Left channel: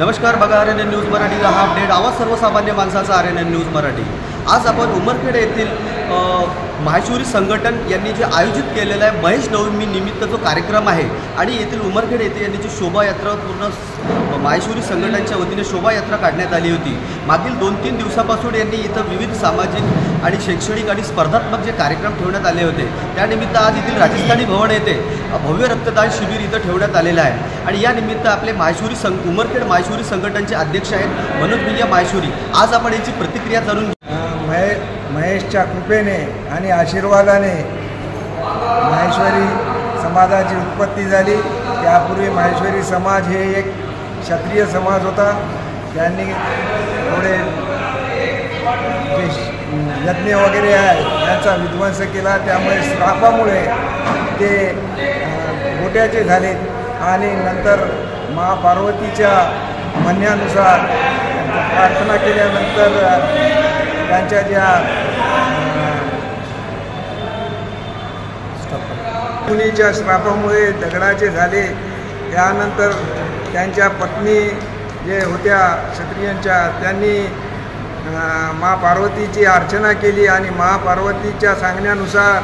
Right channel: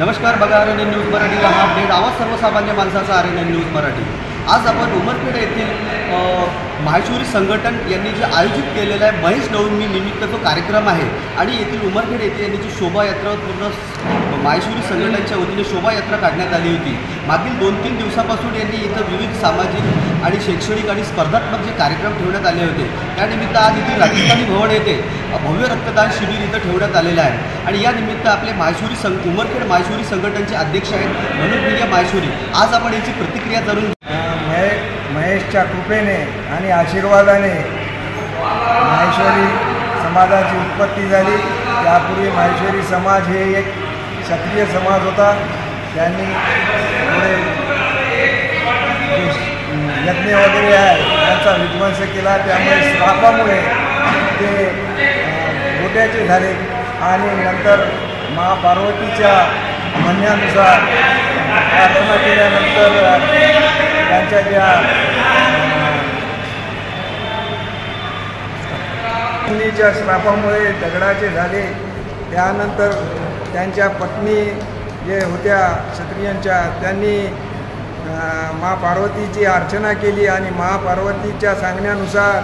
नमस्कार, बघा RNN news मराठीचा हा अपडेट आवाज सर्वसामान्य माणसाचा RNN न्यूज मराठी। आज आपण उमरखेड येथील माहेश्वरी संघटन यांनी जे आयोजित केलेला आहे महेश नवमी निमित्त जो कार्यक्रम आहे आणि येथील उमरखेड येथे यांनी जी शोभायात्रा पूर्ण माहेश्वरी संघटनाच्या वतीने शोभायात्रा काढण्यात आली होती। मागील 2-3 दिवसापासून यांनी इथं विविध सामाजिक आणि शैक्षणिक आणि स्पर्धात्मक जे कार्यक्रम ठेवण्यात आले होते त्यानिमित्त आज येथील राजस्थानी भवन येथे भव्य रक्तदान शिबिर इथं ठेवण्यात आलेलं आहे। आणि या निमित्त आपले माहेश्वरी उमरखेड माहेश्वरी संघटनेचे अध्यक्ष आहेत मनोज भैया माहेश्वरी। आज आपण याची प्रतिक्रिया जाणून महेशच्या कृपेने आणि आशीर्वादाने माहेश्वरी समाजाची उत्पत्ती झाली। त्यापूर्वी माहेश्वरी समाज हे एक क्षत्रिय समाज होता। त्यांनी थोडे यज्ञ वगैरे आहे यांचा विध्वंस केला, त्यामुळे श्रापामुळे ते गोट्याचे झाले आणि नंतर महापार्वतीच्या म्हणण्यानुसार प्रार्थना केल्यानंतर त्यांच्या ज्या मुलीच्या श्रापामुळे दगडाचे झाले। त्यानंतर त्यांच्या पत्नी जे होत्या क्षत्रियांच्या त्यांनी महापार्वतीची अर्चना केली आणि महापार्वतीच्या सांगण्यानुसार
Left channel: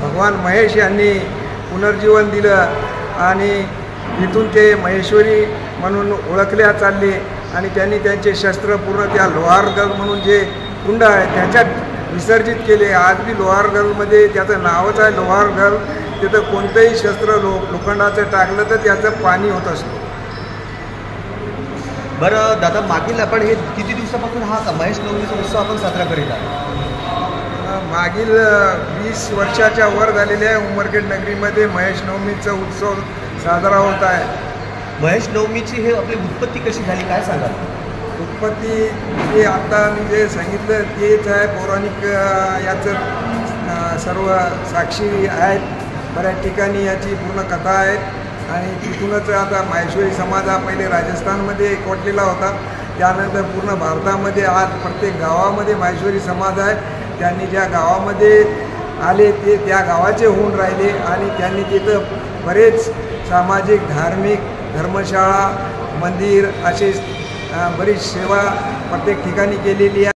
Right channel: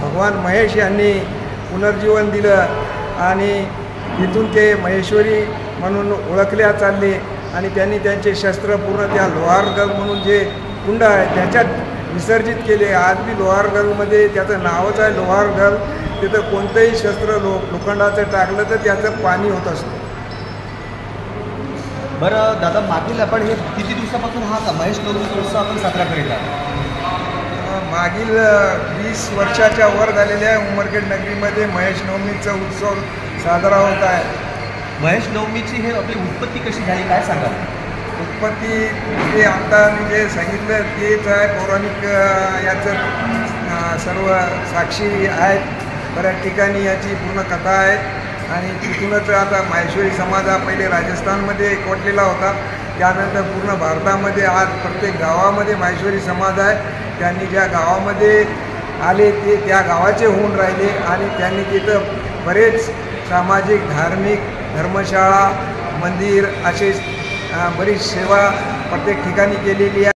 भगवान महेश यांनी पुनर्जीवन दिलं आणि इथून ते महेश्वरी म्हणून ओळखल्या चालले आणि त्यांनी त्यांचे शस्त्र पूर्ण त्या लोहारगल म्हणून जे कुंड आहे त्याच्यात विसर्जित केले। आज बी लोहारगलमध्ये त्याचं नावच आहे लोहारगल। तिथं कोणतंही शस्त्र लोखंडाचं टाकलं तर त्याचं पाणी होत असतं। बरं दादा, मागील आपण हे किती दिवसापासून हा महेश नवमीचा उत्सव आपण साजरा करीत आहोत? मागील 20 वर्षाच्या वर झालेल्या उमरखेड नगरीमध्ये महेश नवमीचा उत्सव साजरा होत आहे। महेश नवमीची हे आपली उत्पत्ती कशी झाली काय सांगाल? उत्पत्ती हे आता मी जे सांगितलं तेच आहे, पौराणिक याचं सर्व साक्षी आहेत। बऱ्याच ठिकाणी याची पूर्ण कथा आहे आणि तिथूनच आता माहेश्वरी समाज हा पहिले राजस्थानमध्ये एकवटलेला होता, त्यानंतर पूर्ण भारतामध्ये आज प्रत्येक गावामध्ये माहेश्वरी समाज आहे। त्यांनी ज्या गावामध्ये आले ते त्या गावाचे होऊन राहिले आणि त्यांनी तिथं बरेच सामाजिक धार्मिक धर्मशाळा मंदिर असे बरीच सेवा प्रत्येक ठिकाणी केलेली आहे।